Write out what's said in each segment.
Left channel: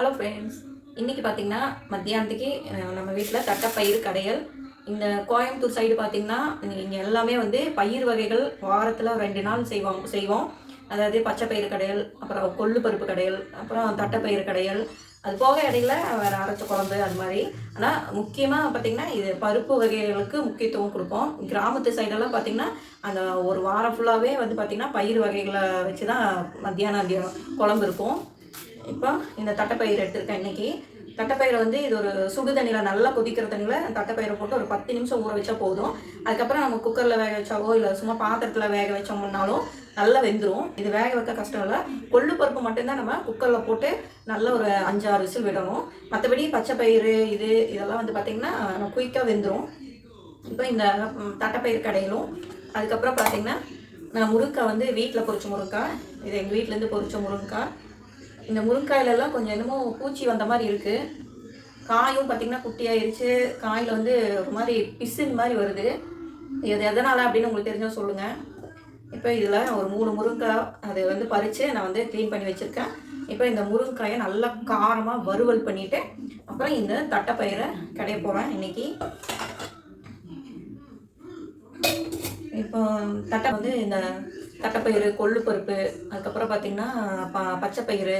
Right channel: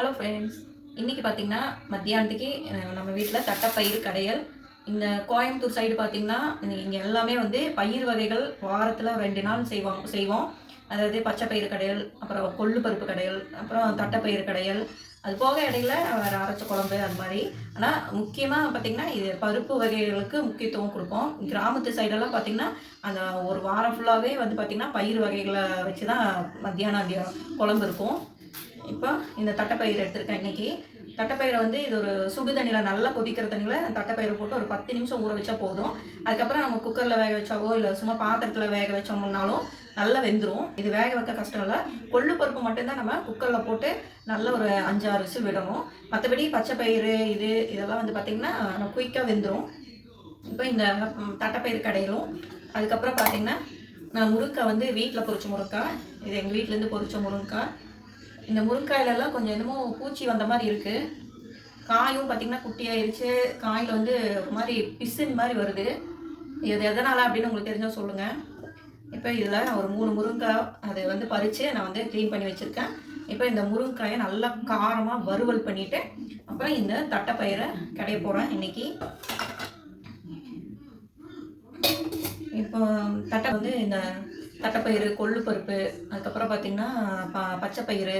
Hello friends இன்றைக்கி பார்த்தீங்கன்னா மத்தியானத்துக்கு நம்ம வீட்டில் தட்டைப்பயிறு கடையல். இந்த கோயம்புத்தூர் சைடு பார்த்தீங்கன்னா இங்கே எல்லாமே வந்து பயிர் வகைகள் வாரத்தில் ரெண்டு நாள் செய்வோம் செய்வோம். அதாவது பச்சை பயிறு கடையல் அப்புறம் கொள்ளு பருப்பு கடையல் அப்புறம் தட்டைப்பயிறு கடையல். அது போக இடையில வேறு அரைச்ச குழம்பு அது மாதிரி. ஆனால் முக்கியமாக பார்த்தீங்கன்னா இது பருப்பு வகைகளுக்கு முக்கியத்துவம் கொடுப்போம். கிராமத்து சைடெல்லாம் பார்த்திங்கன்னா அந்த ஒரு வாரம் ஃபுல்லாகவே வந்து பார்த்திங்கன்னா பயிர் வகைகளை வச்சு தான் மத்தியானம் குழம்பு இருக்கும். இப்போ இந்த தட்டைப்பயிறு எடுத்திருக்கேன் இன்னைக்கு. தட்டைப்பயிரை வந்து இது ஒரு சுடு தண்ணியில் நல்லா கொதிக்கிற தண்ணியில் தட்டைப்பயிரை போட்டு ஒரு பத்து நிமிஷம் ஊற வச்சா போதும். அதுக்கப்புறம் நம்ம குக்கரில் வேக வச்சாவோ இல்லை சும்மா பாத்திரத்தில் வேக வச்சோம்னாலும் நல்லா வெந்துடும் இது வேக வைக்க கஷ்டம் இல்லை. கொள்ளு பருப்பு மட்டும்தான் நம்ம குக்கரில் போட்டு நல்ல ஒரு அஞ்சாறு விசில் விடணும். மற்றபடி பச்சை பயிறு இது இதெல்லாம் வந்து பார்த்திங்கன்னா குயிக்காக வெந்துடும் இப்போ இந்த தட்டைப்பயிறு கடையிலும். அதுக்கப்புறம் பார்த்திங்கன்னா நான் முருங்கை வந்து வீட்டில் பொறிச்ச முருங்கை இது எங்கள் வீட்டிலேருந்து பொறிச்ச முருங்கை இந்த முருங்காயிலெல்லாம் கொஞ்சம் என்னமோ பூச்சி வந்த மாதிரி இருக்குது காயும் பார்த்திங்கன்னா குட்டியாயிருச்சு. காயில் வந்து ஒரு மாதிரி பிசின் மாதிரி வருது. இது எதனால் அப்படின்னு உங்களுக்கு தெரிஞ்சால் சொல்லுங்கள் இப்போ இதில் ஒரு மூணு முருங்காய் அது வந்து பறித்து நான் வந்து க்ளீன் பண்ணி வச்சுருக்கேன். இப்போ இந்த முருங்காயை நல்லா காரமாக வறுவல் பண்ணிவிட்டு அப்புறம் இந்த தட்டைப்பயிரை கடைய போகிறேன் இன்னைக்கு. இப்போ தட்டை வந்து இந்த தட்டைப்பயிறு கொள்ளு பருப்பு அதுக்கப்புறம் பார்த்திங்கன்னா ப பச்சைப்பயிறு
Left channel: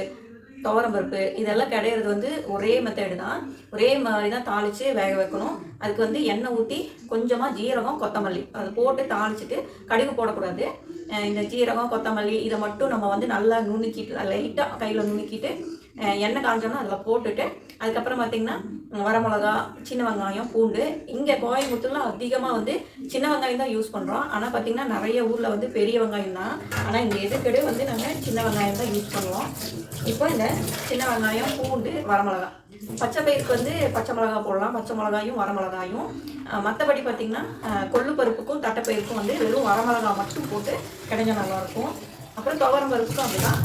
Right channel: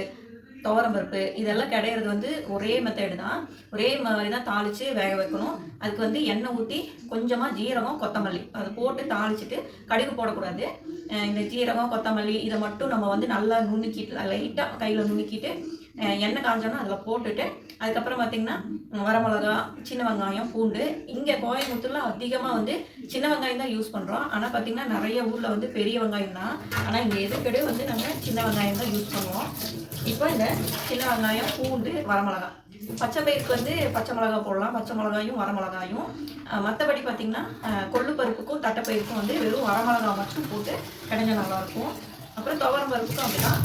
துவரம்பருப்பு இதெல்லாம் கிடையிறது வந்து ஒரே மெத்தேடு தான். ஒரே மாதிரி தான் தாளித்து வேக வைக்கணும். அதுக்கு வந்து எண்ணெய் ஊற்றி கொஞ்சமாக ஜீரகம் கொத்தமல்லி. அதை போட்டு தாளிச்சிட்டு கடுகு போடக்கூடாது. இந்த ஜீரகம் கொத்தமல்லி இதை மட்டும் நம்ம வந்து நல்லா நுணுக்கிட்டு லைட்டாக கையில் நுணுக்கிட்டு எண்ணெய் காஞ்சோன்னா அதில் போட்டுட்டு அதுக்கப்புறம் பார்த்திங்கன்னா வரமிளகா சின்ன வெங்காயம் பூண்டு. இங்கே கோயம்புத்தூரில் அதிகமாக வந்து சின்ன வெங்காயம் தான் யூஸ் பண்ணுறோம் ஆனால் பார்த்திங்கன்னா நிறைய ஊரில் வந்து பெரிய வெங்காயம் தான். ஆனால் இங்கே எதுக்கடே வந்து நாங்கள் சின்ன வெங்காயம் தான் யூஸ் பண்ணுவோம். இப்போ இந்த சின்ன வெங்காயம் பூண்டு வரமிளகா பச்சை பயிருக்கு வந்து பச்சை மிளகா போடலாம். பச்சை மிளகாயும் வரமிளகாயும் மற்றபடி பார்த்திங்கன்னா கொள்ளுப்பருப்புக்கும் கொள்ளு பருப்புக்கும் தட்டைப்பயிருக்கும் வந்து வெறும் வரமிளகா மட்டும் போட்டு கிடைஞ்ச நல்லாயிருக்கும் அப்புறம் துவரம் பருப்புக்கும் அப்படிதான்.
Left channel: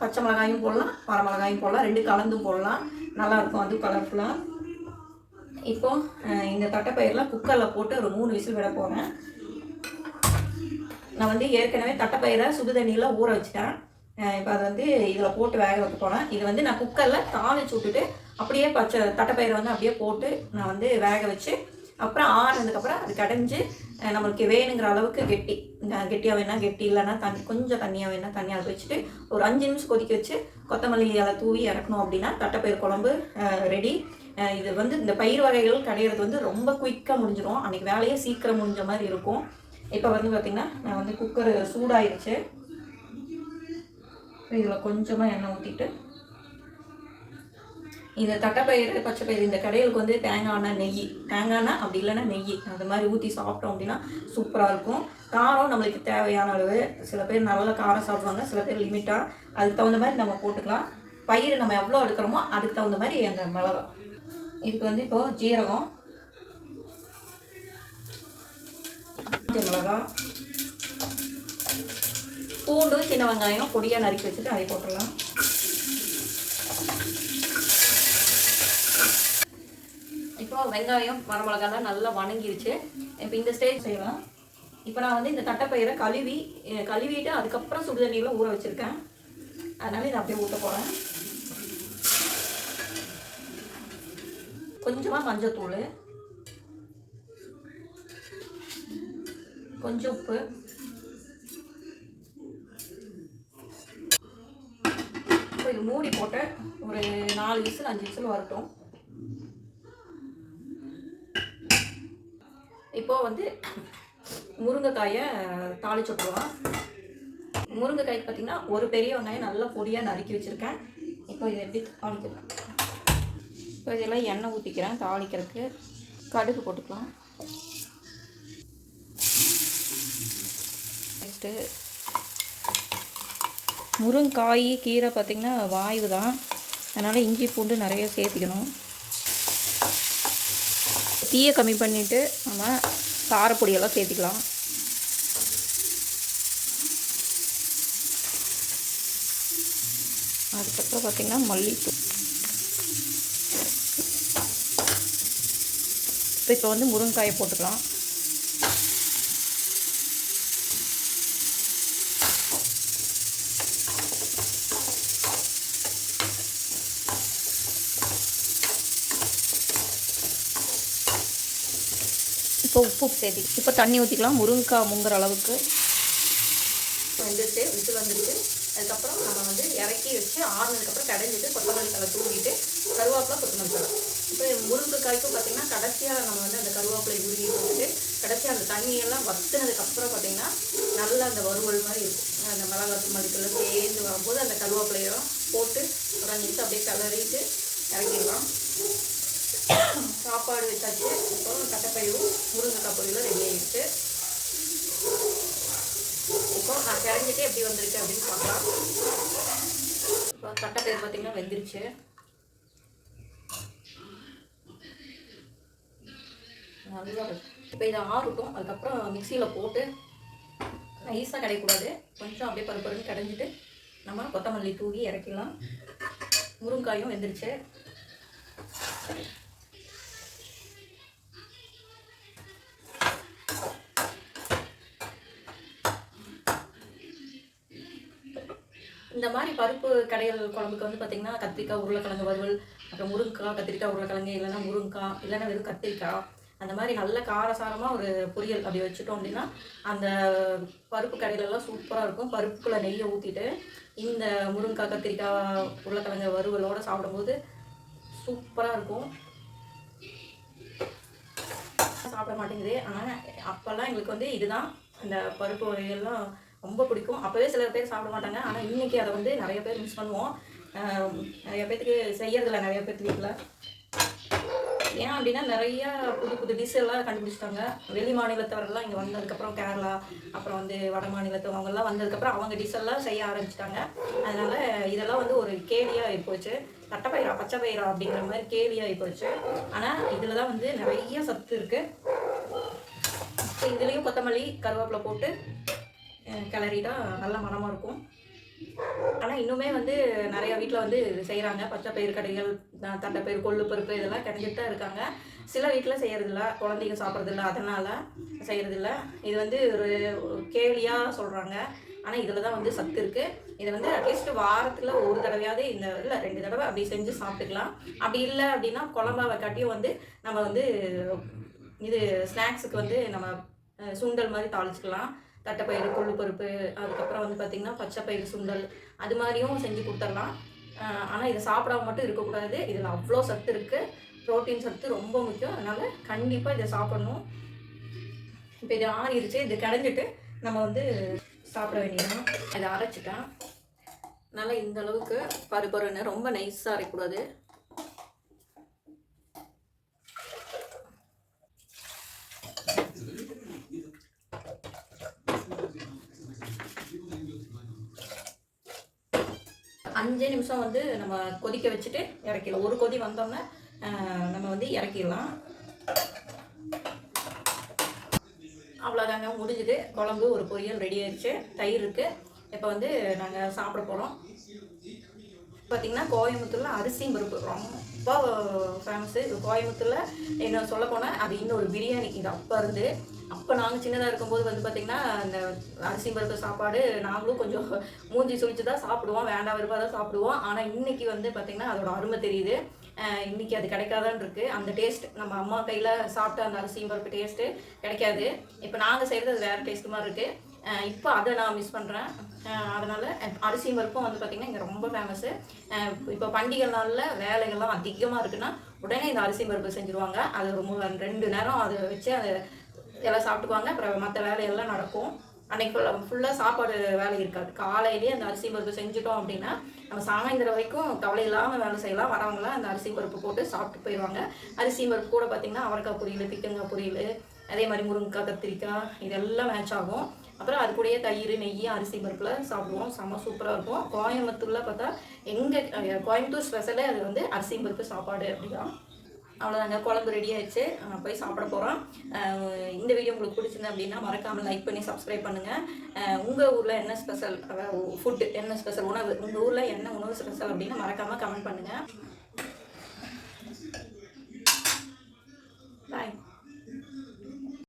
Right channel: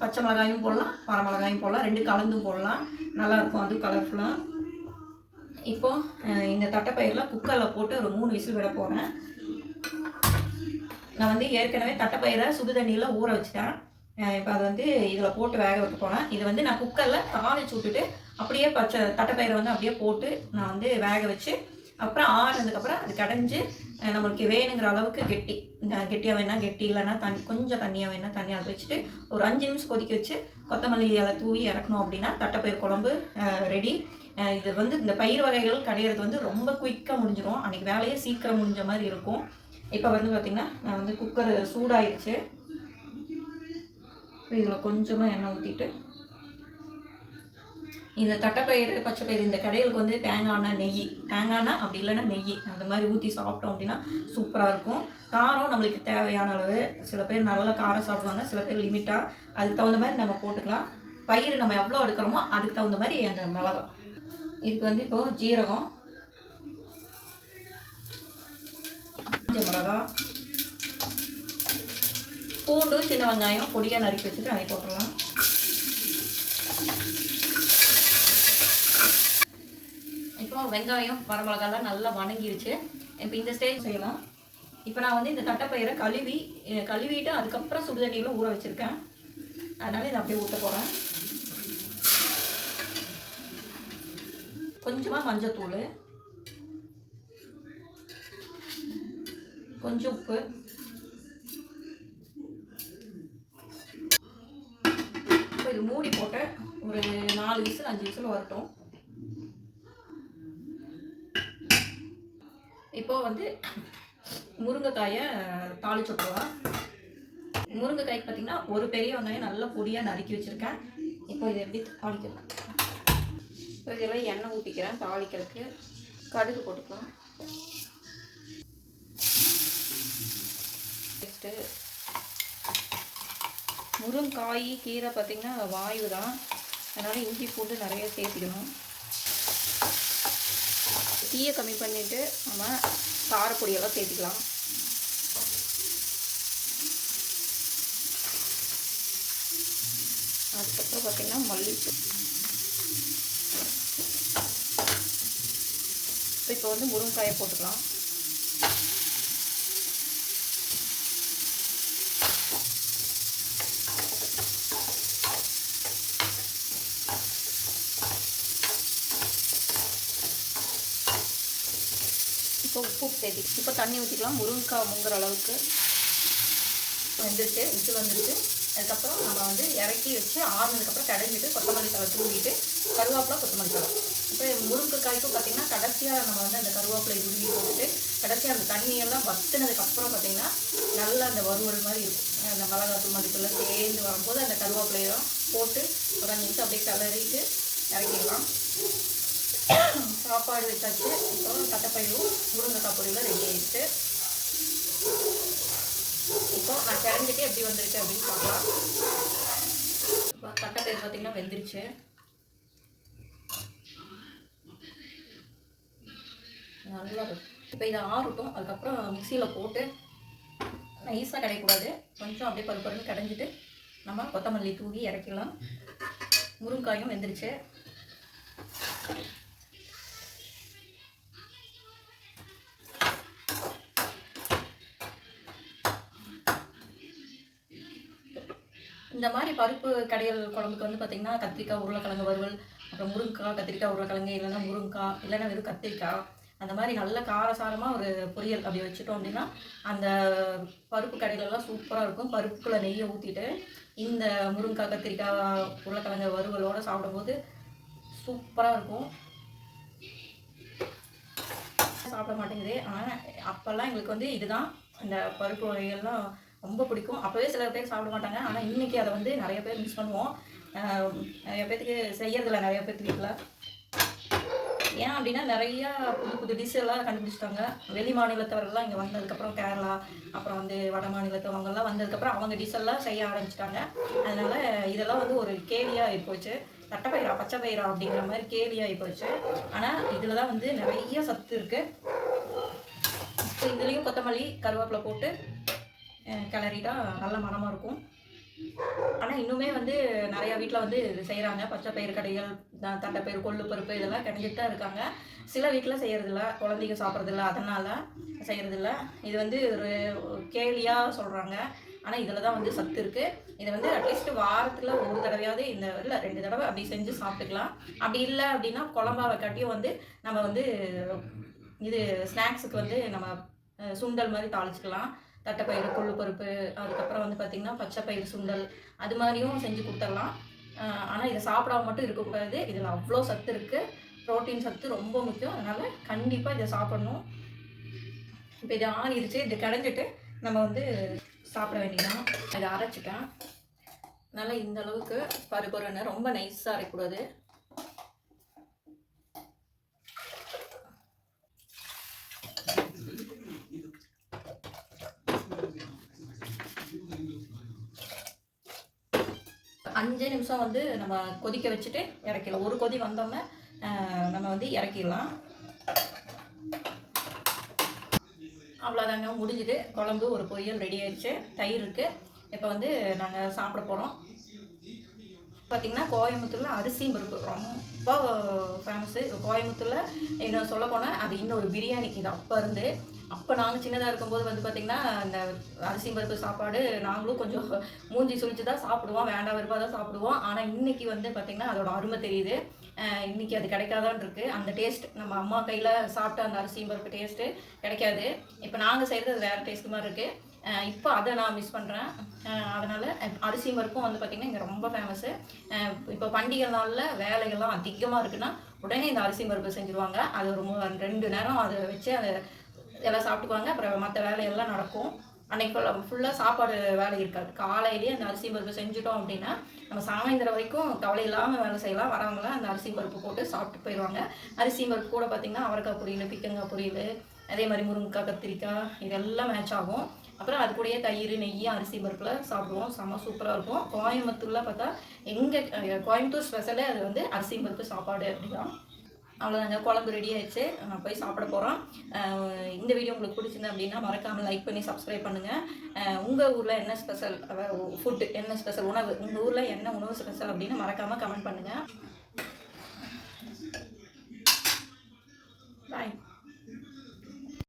பச்சை மிளகாயும் போடலாம் வரமிளகாயும் போடலாம் ரெண்டு கலந்தும் போடலாம். நல்லாயிருக்கும் அது கலர்ஃபுல்லாக இப்போ இந்த தட்டைப்பயிரெலாம் குக்கரில் போட்டு ஒரு மூணு விசில் விட போகிறேன் நான் வந்து ஏற்கனவே தட்டைப்பயிரை சுடு தண்ணியில் ஊற வச்சிட்டேன். இப்போ அதை வந்து இதில் போட்டு வேக வைக்க போனேன் இது வந்து நான் குக்கரில் தாளிச்சு விட்டுட்டு அப்படியே பச்சை தட்டைப்பயிரை வந்து அப்படியே போட்டு நான் வந்து வேக வச்சு அப்புறம் ஆறுனதுக்கப்புறம் அது கடைஞ்சி நம்மளுக்கு வேணுங்கிற அளவுக்கு கெட்டி. கெட்டியாக வேணா கெட்டி இல்லைன்னா தண்ணி கொஞ்சம் தண்ணியாக வேணா தண்ணியாக அதை வச்சுட்டு ஒரு அஞ்சு நிமிஷம் கொதிக்க வச்சு கொத்தமல்லி அதை தூவி இறக்கணும் அப்படின்னா தட்டைப்பயிர் குழம்பு ரெடி இது வந்து இந்த பயிர் வகைகள் கடையிறது வந்து ரொம்ப குயிக்காக முடிஞ்சிடும் அன்றைக்கி வேலையே சீக்கிரம் முடிஞ்ச மாதிரி இருக்கும். இப்போ வந்து பார்த்திங்கன்னா நான் வந்து குக்கர் சூடாயிருச்சு. இதில் கொஞ்சமாக எண்ணெய் ஊற்றிட்டு இந்த தட்டைப்பயிறு பச்சைப்பயிறு இந்த கடைகளுக்கு வந்து தேங்காய்னா நெய். தேங்காய்னா அப்படி இல்லைன்னா நெய். அந்த மாதிரி ஊற்றி சாப்பிட்டோம் அப்படின்னா சூப்பராக இருக்கும். காரம் நம்மளுக்கு தேவையான அளவு. சில பேர் நல்லா காரம் சாப்பிடுவாங்க. சில பேர் லிமிட்டாக அதுக்கு தகுந்த மாதிரி நம்ம போட்டுக்கலாம். பயிர் நம்ம எவ்வளோ எடுக்கிறோமோ அதுக்கு தகுந்த மாதிரி அந்த மிளகா. இதுக்கு வந்து இப்போ ஜீரகம் மிளகா பூண்டு சின்ன வெங்காயம் பொடியாக நறுக்கி வச்சுட்டு அதை போட்டுடலாம் இப்போ வெங்காயம் வரமிளகாலாம் நல்லா வணங்கிருச்சு. இப்போ இந்த ஸ்டேஜ் செய்யலாம். இப்போ நான் வந்து இந்த தட்டைப்பயிரை கழுவி கழுவிட்டு அதுக்கப்புறம் சுடுதண்ணியில் ஊற வச்சுருக்கேன். அதனால் இதை அப்படியே ஊட்ட போகிறேன் கொஞ்சமாக மஞ்சத்தூள். கொஞ்சம் உப்பு. இப்போ இது மூடி போட்டு ஒரு நாலு விசில் அஞ்சு விசில் வரட்டும். இப்போ வந்து முருங்கைக்காயை தாளிச்சு விட்டுருவோம். முருங்கைக்காய்க்கு பார்த்தீங்கன்னா ஒரு பெரிய வெங்காயம் நல்லா பொடியாக நறுக்கி வச்சுருக்கேன். இப்போ இதை எப்படி தாளிக்கலாம். இப்போ இதெல்லாம் எண்ணெய் ஊற்றிக்கிறேன் தாளிக்கிறதுக்கு. கடுகு போட்டுக்கலாம். நெக்ஸ்ட்டு முருங்காய் கீரை பார்த்திங்கன்னா வாயு தான் அதனால் இஞ்சி பூண்டு நிறைய சேர்த்துக்கணும். தீயை கம்மி பண்ணிவிட்டு நம்ம காரப்பொடியெல்லாம் சேர்த்துக்கலாம். அதுக்கப்புறம் பார்த்திங்கன்னா மல்லித்தூள். இப்போ வந்து முருங்காயை போட்டுக்கலாம். இப்போ உப்பு சேர்த்தி இப்போ தண்ணி ஊற்றிக்கலாம் முருங்கைக்காய் முங்குற அளவுக்கு வந்துட்டு விட்டு வந்துருச்சு அதுக்கப்புறம் நம்ம வந்து இறக்கி வச்சு ஆறுனதுக்கப்புறம் கடைஞ்சிட்டு கொத்தமல்லி தலை தூவிட்டு கருவேப்பிலை கொத்தமல்லி தலை இப்போ முருங்கைக்காய்க்கும் பார்த்திங்கன்னா கடைசியாக நம்ம வந்து அந்த கருவேப்பிலை உருவி போட்டு கடைசியாக அந்த தண்ணியெல்லாம் வத்துனதுக்கப்புறம் பார்த்திங்கன்னா நல்லா அந்த வறுவல் மாதிரி இருக்கும். அந்த மிளகாத்தூள் மல்லித்தூள் சேர்ந்து வரும்போது அந்த கருவேப்பிலையெல்லாம் போட்டு உடஞ்சிட்டு அப்படியே கிளறிட்டு இறக்கிடலாம். சாப்பாடு வச்சாச்சு இப்போ தட்டைப்பயிரும் முருங்கைக்காய் பொரியலும் ரெடி ஆகிடுச்சு இப்போ நான் கிளம்பிட்டு எப்படி வந்திருக்கு அப்படின்னு பார்க்கலாம். இப்போ தட்டைப்பயிர் பார்த்தீங்கன்னா வெந்துருச்சு. நல்லா இப்போ இதை ஆறட்டும் அதுக்கப்புறம் மிக்சியில் போட்டு நைஸாக கிடைக்கூடாது கொஞ்சம் அப்படியே பருப்பு பருப்பு கடைஞ்சிட்டு நம்ம கொத்தமல்லி தூவி இறக்கிடலாம். முருங்காயும் வெந்துருச்சு. இந்த மாதிரி பருப்பு கடைகள் குழம்புக்கு வந்து பார்த்திங்கன்னா கத்திரிக்காய் உருளைக்கிழங்கு வறுவல் அப்புறம் முருங்கைக்காய் கத்திரிக்காய் உருளைக்கிழங்கு இல்லைன்னா முருங்கைக்காய் இல்லைன்னா வெறும் கத்திரிக்காய். அந்த மாதிரி நல்ல காரசாரமாக ஒரு பொரியல் அப்படி வச்சுட்டோம் அப்படின்னா அந்த பருப்பு கடையிலலாம் சூப்பராக இருக்கும். பருப்புக்குள்ளே நெய்யை ஊற்றிட்டு இந்த முருங்கைக்காய் கத்திரிக்காய் உருளைக்கிழங்கு வறுவலோடு சாப்பிடும்போது சூப்பராக இருக்கும். சாப்பிட மாட்டேங்குது. ஆனால் அப்போல்லாம் எங்களுக்கு வந்து இதுதான். இந்த பருப்பு வகைகள்லாம் ரொம்ப பிடிக்கும். அப்போவே சில பேர் சாப்பிட மாட்டாங்க. ஆனால் இன்றைக்கி அதை வந்து நிறைய பேர் மிஸ் பண்ணுவோம். நிறைய பேர்த்துக்கு செய்யறதில்ல நிறைய பேர்த்து வீட்டில் ஏன் அப்படின்னா நிறையா புது புது டிஷ் எல்லாம் கண்டுபிடிச்சிட்டாங்க. வெளி மாநிலத்தவர்கள்லாம் இங்கே வந்ததுக்கப்புறம் கேரளா அப்புறம் வந்து வட மாநிலத்தவங்கெல்லாம் வந்ததுக்கப்புறம் அவங்க டிஷ் எல்லாம் செய்ய ஆரம்பிச்சிட்டாங்க. அதனால் இதெல்லாம் வந்து ஒரு கேலியாக ஆகி போச்சு பச்சை பயிரா அப்படிங்கிற மாதிரி கேலியாக ஆகிப்போச்சு போச்சு ஆனால் இதில் தான் வந்து நிறைய சத்து இருக்குது இதுலேயும் கொத்தமல்லி கருவேப்பிலை போட்டு கிளறிட்டா நல்ல மணமாக இருக்கும். ஆனால் இன்னுமே வந்து நிறையா வீட்டில் வந்து இது செய்கிறாங்க பச்சை பயிர் கடைகள் தட்டைப்பயிர் கொள்ளு பருப்பு இதெல்லாம் கிடைச்சிட்டு தான் இருக்காங்க. சில வீட்டில் செய்கிறதில்ல குழந்தைங்க சாப்பிட்றதில்ல. அதனால் செய்கிறதில்ல இது வந்து ஒரு கேலியாக சொல்கிறாங்க ஆனால் இதில் தான் வந்து சத்து இருக்குது இதை வந்து அட்லீஸ்ட் வாரத்தில் ஒரு தடவையாவது இந்த இல்லை ரெண்டு தடவை அப்படி செஞ்சு சாப்பிட்டுக்கலாம். அப்படி இல்லை அப்படின்னா குழம்பாவை காட்டியும் வந்து நம்ம வந்து இது ஸ்நாக்ஸுக்கு வந்து நம்ம சுண்டல் மாதிரி தாளிச்சுக்கலாம். தட்டைப்பயிறு கொள்ளு பருப்பு அதுக்கப்புறம் வந்து பார்த்திங்கன்னா பச்சைப்பயிறு சுண்டல் அது மாதிரியும் செஞ்சு கொடுத்துடலாம். ஆனால் இதை சாப்பிடாம மட்டும் இருக்கக்கூடாது. இதில் அவ்வளோ சத்து இருக்குது ப்ரோட்டீன் சத்து ரொம்ப முக்கியம். அதனால் கண்டிப்பாக இதை சாப்பிடணும். இப்போ இது ஆறிடுச்சு. இது கடைஞ்சிட்டு நம்ம வந்து சாப்பிட வேண்டியதான் இதை அரைச்சிட்டேன். நல்லா இந்த அளவுக்கு பருப்பருன்னு ரொம்ப நைஸாக அரைக்கூடாது அஞ்சே நிமிஷம் வந்து நம்ம கொதிக்க வச்சுட்டு இறக்கிடலாம். ஒரு கொதி வந்தோன்னே நம்ம வந்து இறக்கிடலாம். அவ்வளோதாங்க முடிஞ்சுது. குழம்பு ஒரு பொரியல் ரெடி ஆயிடுச்சு. தயிர் இருக்குது இப்போ வந்து நாங்கள் சாப்பிட போகிறோம் பார்த்திங்கன்னா கோயம்புத்தூரில் அரிசியும் பருப்பு. ரொம்ப ஃபேமஸு கோயம்புத்தூரில் இன்னும் சொல்ல போனால் அது இன்னொரு பிரியாணி இது அப்போ இருந்து அப்போ நாங்கள் சின்னதாக இருக்கும்போது வந்து பார்த்திங்கன்னா அந்த அரிசி பருப்பு சாப்பாடு நாங்களும் கொஞ்சம் மூஞ்சி சுழிச்சு தான் சாப்பிடுவோம். வேண்டாம் விருப்பம் தான் சாப்பிடுவோம். ஆனால் இன்னைக்கு வந்து பார்த்திங்கன்னா அதோட அருமை தெரியுது. இன்றைக்கி அது கிடைக்காதான் இருக்குது அந்த டேஸ்ட் நம்ம அம்மா கையில் சாப்பிட்ட அந்த அரிசி பருப்பு டேஸ்ட்டு கிடைக்காது. இப்போ நாங்கள் செய்கிறது அது வேறு டேஸ்ட் மாதிரி இருக்குது இப்போ அதை நான் மிஸ் பண்ணுறேன் அதனால் அரிசி பருப்பும் வந்து பார்த்திங்கன்னா இங்கே ரொம்ப ஃபேமஸ்ஸு இப்போ பண்டிகை நாளில் வேலைகள்லாம் அதிகமாக இருக்குன்னா உடனே இந்த அரிசி பருப்பு செஞ்சுருவாங்க. அது ஒரு ரெண்டு நேரம் அதை வச்சு அதை எல்லாம் சாப்பிட்டுக்குவாங்க. அப்புறம் மற்ற வேலையெல்லாம் நடக்கும். அன்னைக்கு ஃபுல்லாக சாப்பாடு வேலை இருக்காது. காலையிலேயே அந்த அரிசி பருப்பு செஞ்சுட்டோம் அப்படின்னா நம்ம சாயந்தரம் வரைக்கும் கவலை இல்லாமல் வேலை செய்யலாம். வரவங்களாம் அந்த அரிசி பருப்பு போட்டு சாப்பிட்டு போயிடுவாங்க. அரிசி பருப்பு கூட பார்த்திங்கன்னா அவரைக்காய் பொரியல் பிக்கங்காய் பொரியல் அதே மாதிரி முருங்கைக்காய் கத்திரிக்காய் இதெல்லாம் மேட்ச் ஆகும். அப்புறம் அது கூடயே தயிர் நெய் அரிசி பருப்பில் சாப்பிடுவோம். செம்ம சூப்பராக இருக்கும். கோயம்புத்தூரில் பார்த்தா எங்கள் கோயம்புத்தூர் ஸ்பெஷலே அது வந்து அரிசி பருப்பு சாப்பாடு அப்படிதான். அவ்வளோதாங்க குழம்பு ரெடி ஆயிடுச்சு. போய் சாப்பிட போகிறோம் இந்த வீடியோ உங்களுக்கு பிடிச்சிருந்து அப்படின்னா மறக்காமல் லைக் பண்ணி சப்ஸ்கிரைப் பண்ணுங்கள் உங்கள் ஊரில் என்ன ஸ்பெஷல் ஃபுட்டு என்ன ஸ்பெஷல் உணவு. உங்கள் ஊரில் என்ன உணவு ஸ்பெஷல் அப்படின்னு மறக்காமல் கமெண்ட் பண்ணுங்கள்